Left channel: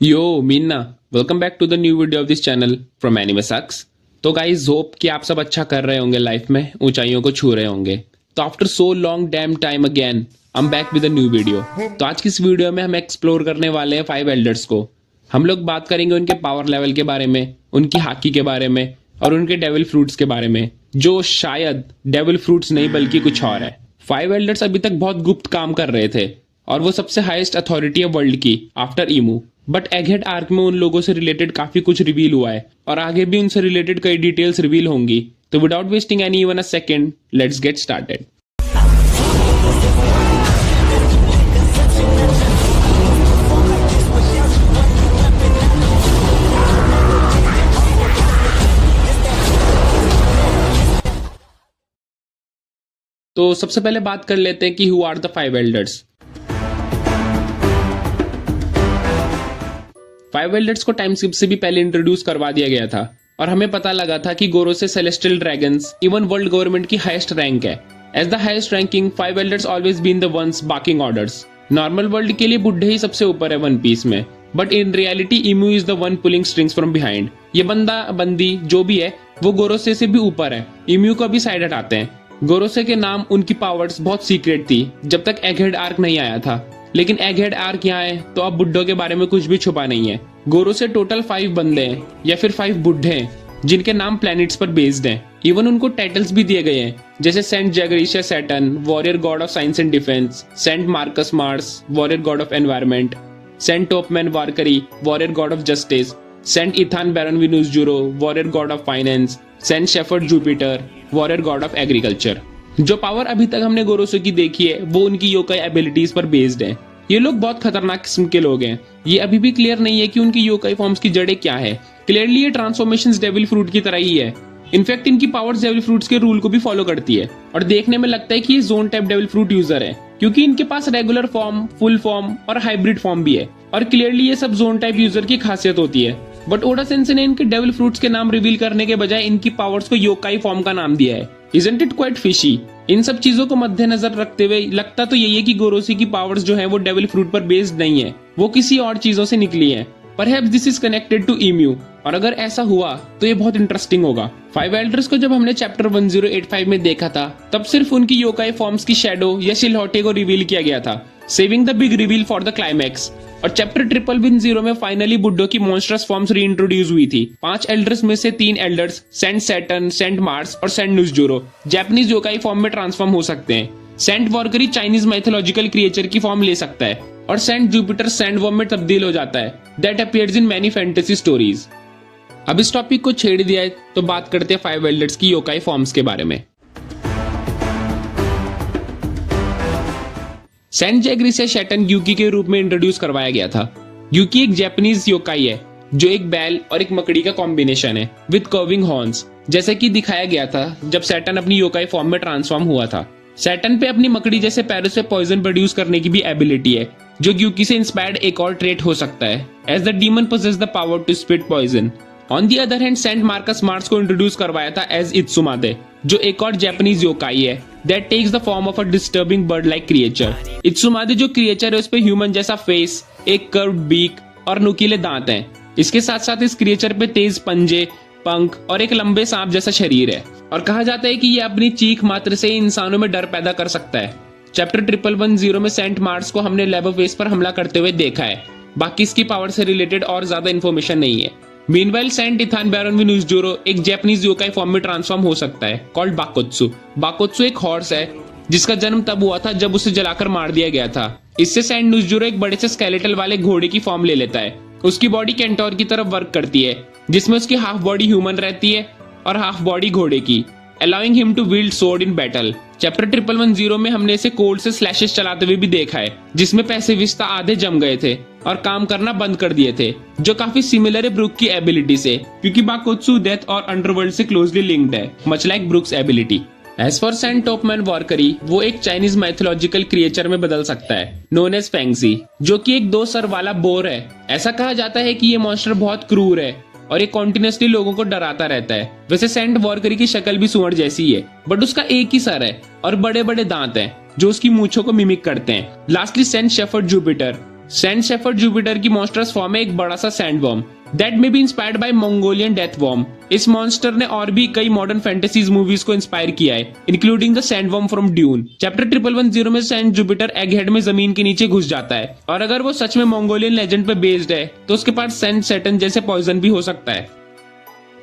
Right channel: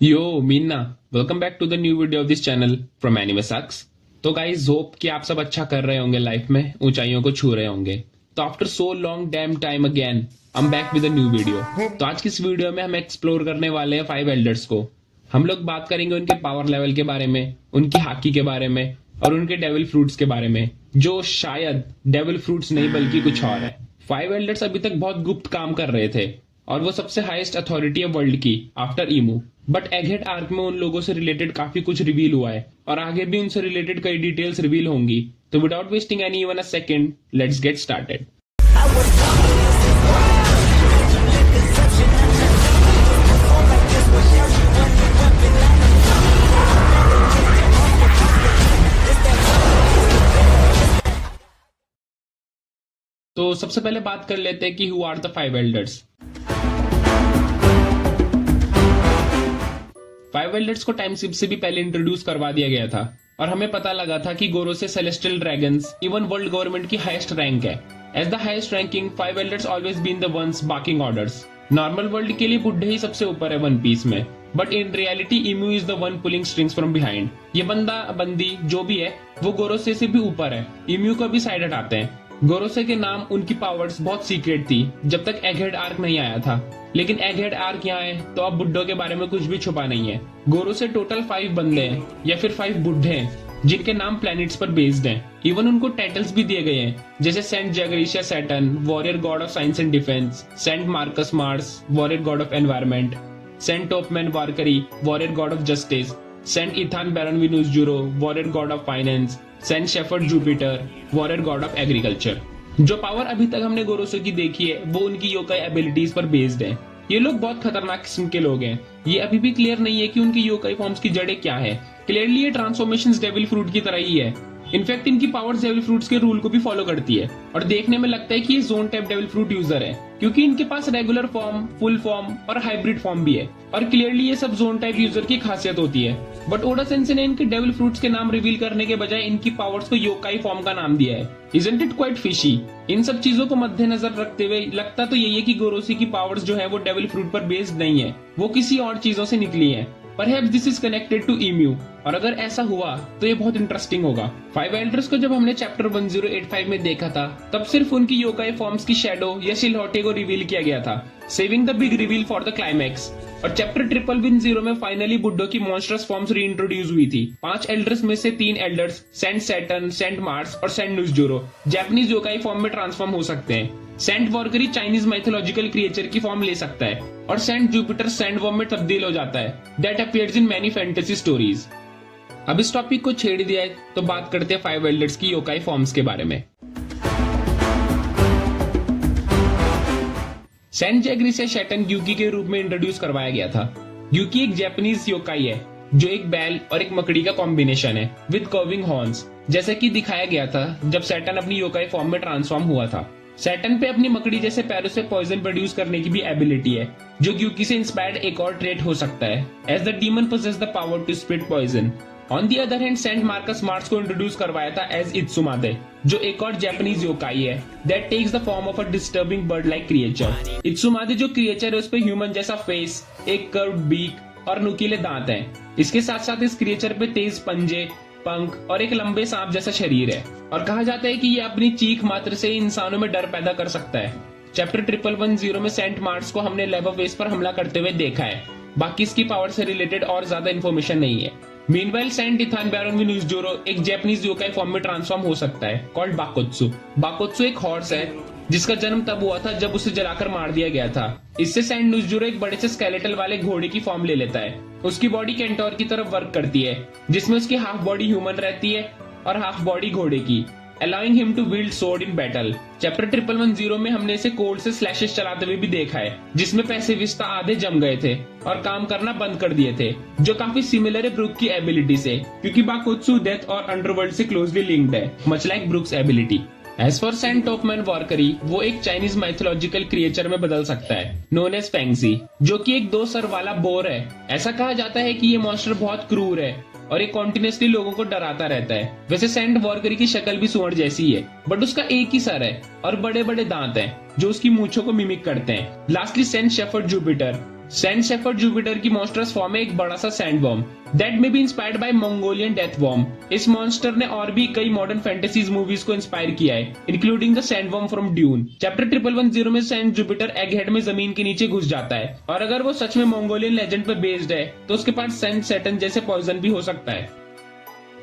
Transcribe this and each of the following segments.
यो मीना, welcome back to the new video of this channel from anime sucks. तो guys hope कि आप सब अच्छा कर रहे होंगे, लाइफ में ऊंचाइयों को छू रहे होंगे। तो after so long dam time again I am back with a new video. तो आज की इस वीडियो में हम एक्सप्लोर करने वाले हैं 5 एल्डर्स को। हम लोग बात करेंगे उनके पावर लेवल के बारे में, उनकी हाकी के बारे में और उनके डेविल फ्रूट्स के बारे में, जो शायद डेविल फ्रूट्स नहीं बल्कि कुछ और है। 5 एल्डर्स अभी तक बहुत गुप्त काम कर रहे थे और वो सबसे हाईएस्ट अथॉरिटी है वर्ल्ड की आफ्टर ईमू। बट एगहेड आर्क में उन लोगों से रिलेटेड काफी कुछ रिवील हुआ है और आगे भी उनसे रिलेटेड कई डिटेल्स रिवील होंगी। तो without wasting any even a second, let's get started. तो सबसे पहले बात कर लेते हैं कि who are the 5 elders. 5 elders को टाइम स्किप से भी पहले इंट्रोड्यूस करवा दिया गया था और हमें पता लगा था कि Gorosei celestial dragons even world government की हाईएस्ट रैंक है। As the highest ranking 5 elders always been the ones barking orders. Normal world के लिए बुड्ढे ही सबसे ऊपर है वन पीस में, but in reality Imu is the one pulling strings from behind. ये बंदा बंदी जो भी है वो गोरोसे से भी ऊपर है। इम्यू को भी साइड हटाते हैं। गोरोसे के नाम, उनकी पावर्स बहुत सीक्रेट थी जब तक एगहेड आर्क नहीं आया था, लेकिन एगहेड आर्क यहाँ है तो अब बुड्ढों के बारे में कुछ भी छुपा नहीं है। गोरोसे टोटल 5 बंदे हैं या फिर 5 बुड्ढे हैं जिनके नाम प्लैनेट्स पर बेस्ड हैं। इवन उनको टाइटल्स भी दिए गए हैं, जैसे saint Jaygarcia Saturn, warrior god of science and defence, saint Marcus Mars, warrior god of environment, saint Topman Warcury, warrior god of justice, saint Ethan Baron V Nusjuro, warrior god of finance, saint Shepherd Jupiter, warrior god of agriculture. जो power अभी तक हमने गोरोसो की देखी है वो उनकी yokai abilities पर बेस्ड है। ये लोग बहुत खतरनाक किस्म के लोग हैं। ये अभी भी क्लियर नहीं है कि उनकी योकाई फॉर्म्स की जड़ें क्या है। क्लियरली ये ट्रांसफॉर्मेशंस डेविल फ्रूट की तरह ही है। इनफैक्ट इनकी पावर्स डेविल फ्रूट्स के रूल को भी फॉलो करती है और देखने में लगता है कि ये zone type devil fruit user है, क्योंकि इनके पास रेगुलर फॉर्म, फुल फॉर्म और हाइब्रिड फॉर्म भी है और क्लियरली ये सब जोन टाइप यूजर की खासियत होती है। बट ओडा सेंसे ने इनके डेविल फ्रूट्स के नाम रिवील करने के बजाय इनकी पावर्स को योकाई फॉर्म का नाम दिया है। Isn't it quite fishy? इन सब चीजों को मद्देनजर रखते हुए लगता तो यही है कि गोरोसी की पावर्स जो है वो डेविल फ्रूट पर बेस्ड नहीं है, वो किसी और चीजों से निकली है। Perhaps this is connected to emu, और अगर ऐसा हुआ तो ये बहुत इंटरेस्टिंग होगा। 5 एल्डर्स को जब हमने चैप्टर 1085 में देखा था तब सिर्फ उनकी योकाई फॉर्म्स की शैडो या शिलहौटे को रिवील किया गया था, saving the big reveal for the climax. और चैप्टर 1010 में फाइनली बुड्ढों की मॉन्स्टरस फॉर्म्स रीइंट्रोड्यूस हुई थी। 5 एल्डर्स में से 3 elders Saint Saturn, Saint Mars और Saint Nusjuro Japanese yokai form में ट्रांसफॉर्म हो सकते हैं। Saint Warcury Chinese mythological creature की फॉर्म ले सकता है और सेंट जुपिटर सैंड वॉर्म में तब्दील हो जाता है। That appears in many fantasy stories. अब इस टॉपिक को छेड़ दिया है तो बात करते हैं 5 एल्डर्स की योकाई फॉर्म्स के बारे में। सेंट जैगरिशिया सैटर्न ग्यूकी के रूप में इंट्रोड्यूस करवाया गया था। ग्यूकी एक जापानीज योकाई है जो एक बैल और एक मकड़ी का कॉम्बिनेशन है विद कर्विंग हॉर्न्स, जैसे कि दिखाया गया था जब सैटर्न अपनी योकाई फॉर्म में ट्रांसफॉर्म हुआ था। सैटर्न पे अपनी मकड़ी जैसे पैरों से पॉइजन प्रोड्यूस करने की भी एबिलिटी है, जो ग्यूकी से इंस्पायर्ड एक और ट्रेट हो सकता है, as the demon possess the power to spit poison. On the other hand saint Marcus Mars को इंट्रोड्यूस करवाया था एज इत्सुमादे, जो एक और जापानीज योकाई है that takes the form of a disturbing bird like creature. इत्सुमादे जो क्रिएचर है उस पे ह्यूमन जैसा फेस, एक कर्व्ड बीक और नुकीले दांत हैं। इसके साथ साथ इस क्रिएचर पे तेज पंजे, पंख और एक लंबे सांप जैसा शरीर है और कहा जाता है कि ये अपनी चीख मात्र से ही इंसानों में डर पैदा कर सकता है। चैप्टर 1010 में सेंट मार्स को हमने लेवरफेस पर हमला करते हुए देखा है, बाकी इसकी पावर से रिलेटेड और ज्यादा इन्फॉर्मेशन नहीं है। Meanwhile Saint Ethan Baron विनूस jure एक जापानीज योकाई फॉर्म में ट्रांसफॉर्म हो सकता है, कॉल्ड बाकोत्सु। बाकोत्सु एक हॉर्स है जिसका जन्म तब हुआ था जब उसे जलाकर मार दिया गया था। इससे सेंट नुसजूरो एक बड़े से स्केलेटल वाले घोड़े की फॉर्म ले लेता है। उसकी बॉडी कैंटोर की तरफ वर्क करती है, जिसमें उसकी हाफ बॉडी ह्यूमन रहती है और हाफ बॉडी घोड़े की, allowing him to wield sword in battle। Chapter 1010 में हमने इसे कोल्ड से स्लैशेस चलाते हुए भी देखा है, जिसमें पैसिविस्ता आधे जम गए थे और काम करना बंद कर दिए थे, जो काफी सिमिलर है ब्रुक की एबिलिटी से, क्योंकि बाकोत्सु डेथ और अंडरवर्ल्ड से क्लोजली लिंक्ड है, much like Brook's ability. As for saint Topman Warcury, वो एक चाइनीज माइथोलॉजिकल क्रिएचर में बदल सकता है, नोन एज फेंगजी, जो कि एक 2 सर वाला बोर है। ऐसा कहा जाता है कि ये मॉन्स्टर बहुत क्रूर है और ये कॉन्टिन्यूसली लोगों को डराता रहता है। वैसे सेंट वॉरकरी की शक्ल भी सुअर जैसी ही है, बट उसका एक ही सर है और बड़े बड़े दांत हैं जो उसकी मूंछों को मिमिक करते हैं। Lastly Saint Shepherd Jupiter, sand Shepherd Jupiter की मॉन्स्टरस फॉर्म है एक बड़ा सा sand worm that may be inspired by Mongolian death worm. इस मॉन्स्टर ने और भी कई मॉडर्न फैंटेसीज मूवीज को इंस्पायर किया है, including the sand worm from Dune. Chapter 1110 में सैंड जुपिटर एगहेड में जमीन के नीचे घुस जाता है, और अगर वो सच में मंगोलियन लेजेंड पे बेस्ड है तो उसके पास सैंड सैटर्न जैसे पॉइजन भी हो सकता है।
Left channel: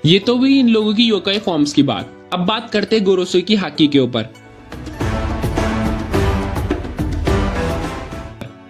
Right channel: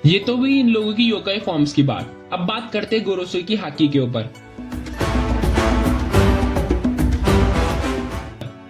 ये तो हुई इन लोगों की योकाई फॉर्म्स की बात। अब बात करते हैं गोरोसो की हाकी के ऊपर।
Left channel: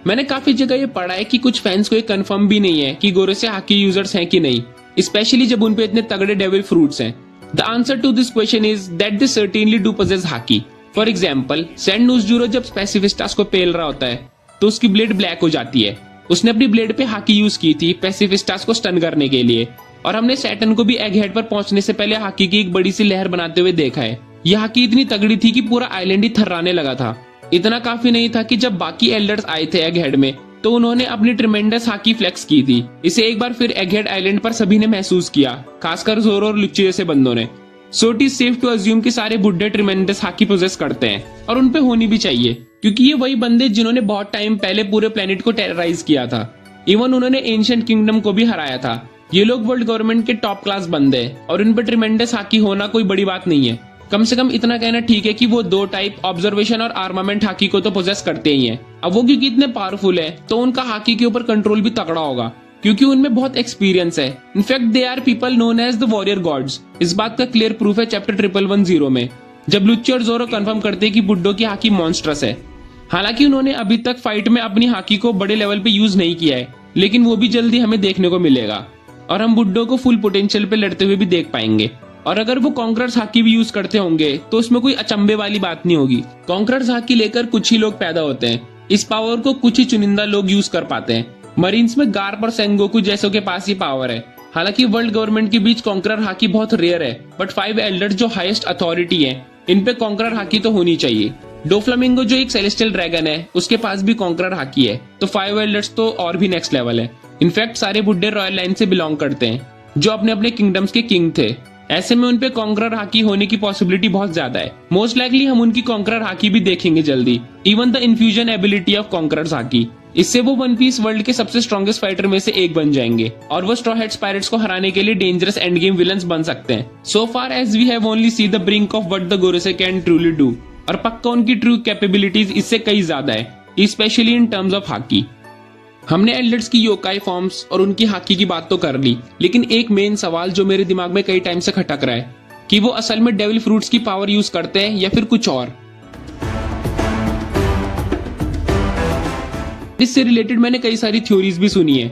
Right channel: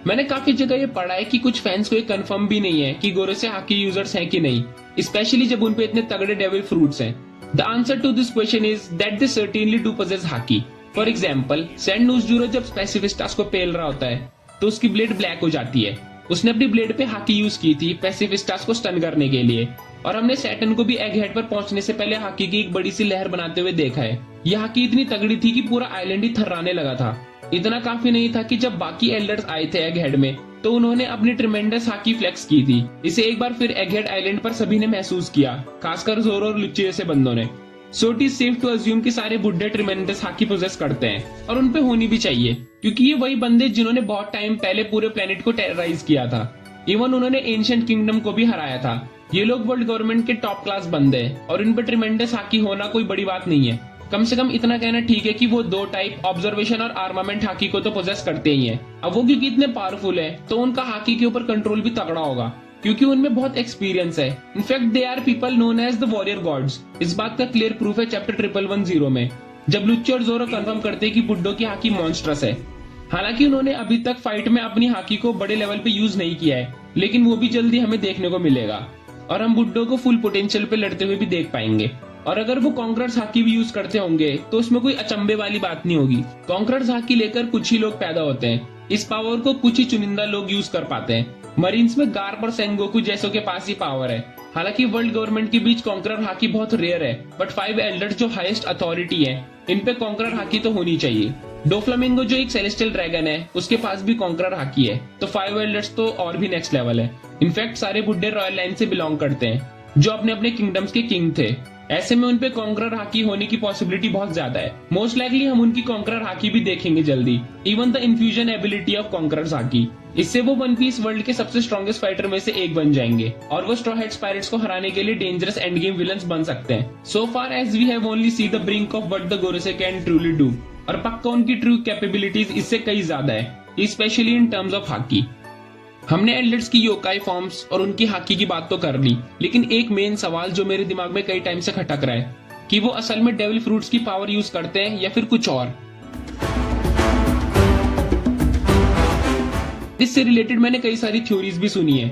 मैंने काफी जगह ये पढ़ा है कि कुछ फैंस को ये कंफर्म भी नहीं है कि गोरोसे हाकी यूजर्स हैं कि नहीं, स्पेशली जब उनपे इतने तगड़े डेविल फ्रूट्स हैं। The answer to this question is that they certainly do possess हाकी। फॉर एग्जाम्पल, सैंड नूज़जूरो जब पैसिफिस्टास को पेल रहा होता है तो उसकी ब्लेड ब्लैक हो जाती है। उसने अपनी ब्लेड पे हाकी यूज की थी पैसिफिस्टास को स्टन करने के लिए, और हमने सैटर्न को भी एगहेड पर पहुंचने से पहले हाकी की एक बड़ी सी लहर बनाते हुए देखा है। यह हाकी इतनी तगड़ी थी कि पूरा आइलैंड ही थर्राने लगा था। इतना काफी नहीं था कि जब बाकी एल्डर्स आए थे एगहेड में तो उन्होंने अपनी ट्रिमेंडस हाकी फ्लेक्स की थी। इसे एक बार फिर एगहेड आइलैंड पर सभी ने महसूस किया, खासकर जोरो और लुच्चे जैसे बंदों ने। So it is safe to assume कि सारे बुड्ढे ट्रिमेंडस हाकी पोजेस करते हैं, और उनपे होनी भी चाहिए, क्योंकि ये वही बंदे जिन्होंने बहुत टाइम पहले पूरे प्लेनेट को टेरराइज किया था। इवन उन्होंने एंशिएंट किंगडम को भी हराया था। ये लोग वर्ल्ड गवर्नमेंट के टॉप क्लास बंदे हैं, और उन पर ट्रिमेंडस हाकी होना कोई बड़ी बात नहीं है। कम से कम इतना कहना ठीक है कि वो दो टाइप ऑब्जर्वेशन और आर्मामेंट हाकी को तो पोजेस करते ही हैं। अब वो क्योंकि इतने पावरफुल है तो उनका हाकी के ऊपर कंट्रोल भी तगड़ा होगा, क्योंकि उनमें बहुत एक्सपीरियंस है। In fact they are people known as the warrior gods. इस बात का क्लियर प्रूफ है चैप्टर 1110 में, जब लुच्चे और जोरो कंफर्म करते हैं कि बुड्ढो की हाकी मॉन्स्ट्रस है। हालांकि उन्होंने अभी तक फाइट में अपनी हाकी को बड़े लेवल पे यूज नहीं किया है, लेकिन वो भी जल्दी हमें देखने को मिलेगा, और हम बुड्ढो को फुल पोटेंशियल पे लड़ते हुए भी देख पाएंगे। और अगर वो कॉन्करर्स हाकी भी यूज करते होंगे तो उसमें कोई अचंभे वाली बात नहीं होगी। कॉन्करर्स हाकी लेकर कुछ ही लोग पैदा होते हैं, इस पावर को कुछ ही चुनिंदा लोग यूज कर पाते हैं। मरीन्स में गार्प और सेंगोकू जैसों के पास ही पावर है। हालांकि वर्ल्ड गवर्नमेंट के बीच कॉन्करर हाकी बहुत रेयर है, बट 5 एल्डर्स जो हाईएस्ट अथॉरिटी है, इन पे कॉन्करर हाकी तो होनी चाहिए। डोफ्लामिंगो जो एक सेलेस्टियल ड्रैगन है, उसके पास भी कॉन्करर हाकी है, तो 5 एल्डर्स तो और भी नेक्स्ट लेवल है। इनफैक्ट सारे बुड्ढे रॉयल लाइन से बिलोंग करते हैं, जो अपने अपने किंगडम्स के किंग थे। ऐसे में उनपे कॉन्करर हाकी होने की पॉसिबिलिटी बहुत ज्यादा है। मोस्ट लाइकली हम उनकी कॉन्करर हाकी भी देखेंगे जल्दी। Even the infusion ability of conquerors hockey, इससे वो वन पीस वर्ल्ड के सबसे स्ट्रॉन्गेस्ट फाइटर में से एक बन जाएंगे, और वो स्ट्रॉ हेड्स पायरेट्स को हराने के लिए डेंजरस एंड गेम विलन्स बन सकते हैं। So far as we have only see the brink of what the गोरोसे कैन ट्रूली डू, और पक्का उनकी ट्रू कैपेबिलिटीज इससे कई ज्यादा है, स्पेशली इन टर्म्स ऑफ हाकी। हमने एल्डर्स की योकाई फॉर्म्स और उनकी हाकी की बात तो कर ली, लेकिन एक मेन सवाल जो मेरे दिमाग में कई टाइम से खटक रहा है कि वो असल में डेविल फ्रूट्स की पावर यूज करते हैं या फिर कुछ और। इससे रिलेटेड मैंने कई सारी थ्योरीज भी सुनी है।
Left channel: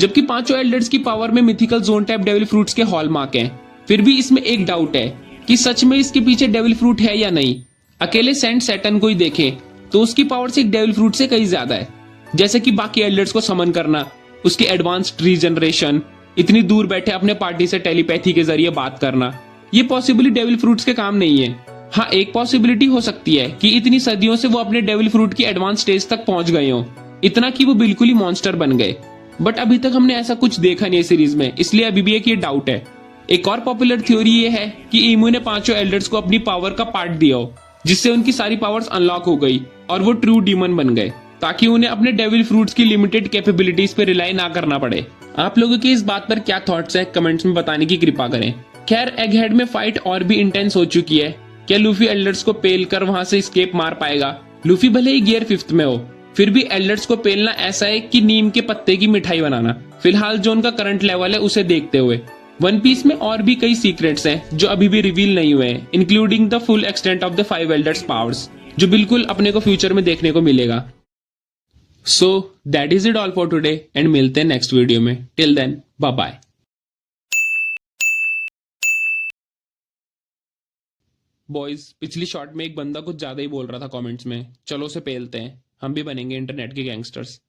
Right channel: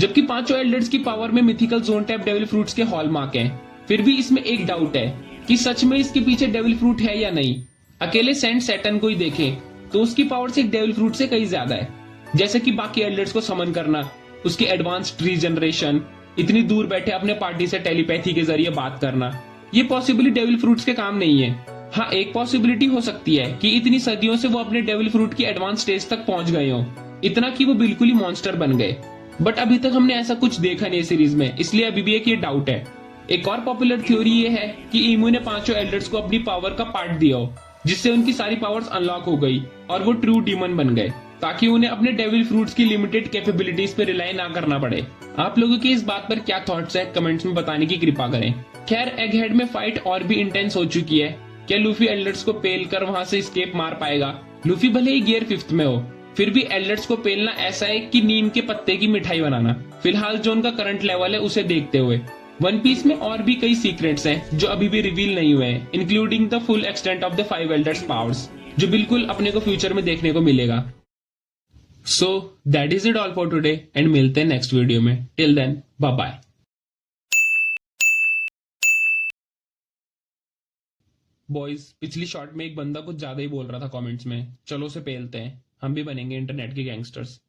जबकि पांचों एल्डर्स की पावर में mythical zone type devil fruits के हॉलमार्क हैं, फिर भी इसमें एक डाउट है कि सच में इसके पीछे डेविल फ्रूट है या नहीं। अकेले सेंट सैटर्न को ही देखें तो उसकी पावर से एक डेविल फ्रूट से कई ज्यादा है, जैसे कि बाकी एल्डर्स को समन करना, उसकी एडवांस ट्री जनरेशन, इतनी दूर बैठे अपने पार्टी से टेलीपैथी के जरिए बात करना। ये पॉसिबली डेविल फ्रूट्स के काम नहीं है। हाँ, एक पॉसिबिलिटी हो सकती है कि इतनी सदियों से वो अपने डेविल फ्रूट की एडवांस स्टेज तक पहुंच गए हो, इतना कि वो बिल्कुल ही मॉन्स्टर बन गए। बट अभी तक हमने ऐसा कुछ देखा नहीं सीरीज में, इसलिए अभी भी एक ये डाउट है। एक और पॉपुलर थ्योरी ये है कि ईमू ने पांचों एल्डर्स को अपनी पावर का पार्ट दिया हो, जिससे उनकी सारी पावर्स अनलॉक हो गई और वो ट्रू डीमन बन गए, ताकि उन्हें अपने डेविल फ्रूट्स की लिमिटेड कैपेबिलिटीज पे रिलाई ना करना पड़े। आप लोगों के इस बात पर क्या थॉट्स है, कमेंट्स में बताने की कृपा करें। खैर, एगहेड में फाइट और भी इंटेंस हो चुकी है। क्या लूफी एल्डर्स को पेल कर वहां से स्केप मार पाएगा? लूफी भले ही गियर 5th में हो, फिर भी एल्डर्स को पेलना ऐसा है कि नीम के पत्ते की मिठाई बनाना। फिलहाल जो उनका करंट लेवल है उसे देखते हुए वन पीस में और भी कई सीक्रेट्स हैं जो अभी भी रिवील नहीं हुए हैं, including the full extent of the 5 elders powers, जो बिल्कुल अपने को फ्यूचर में देखने को मिलेगा। So that is it all for today, and मिलते हैं नेक्स्ट वीडियो में। Till then, bye bye. Boys, पिछली शॉट में एक बंदा कुछ ज्यादा ही बोल रहा था कमेंट्स में, चलो उसे पेलते हैं, हम भी बनेंगे इंटरनेट के गैंगस्टर्स।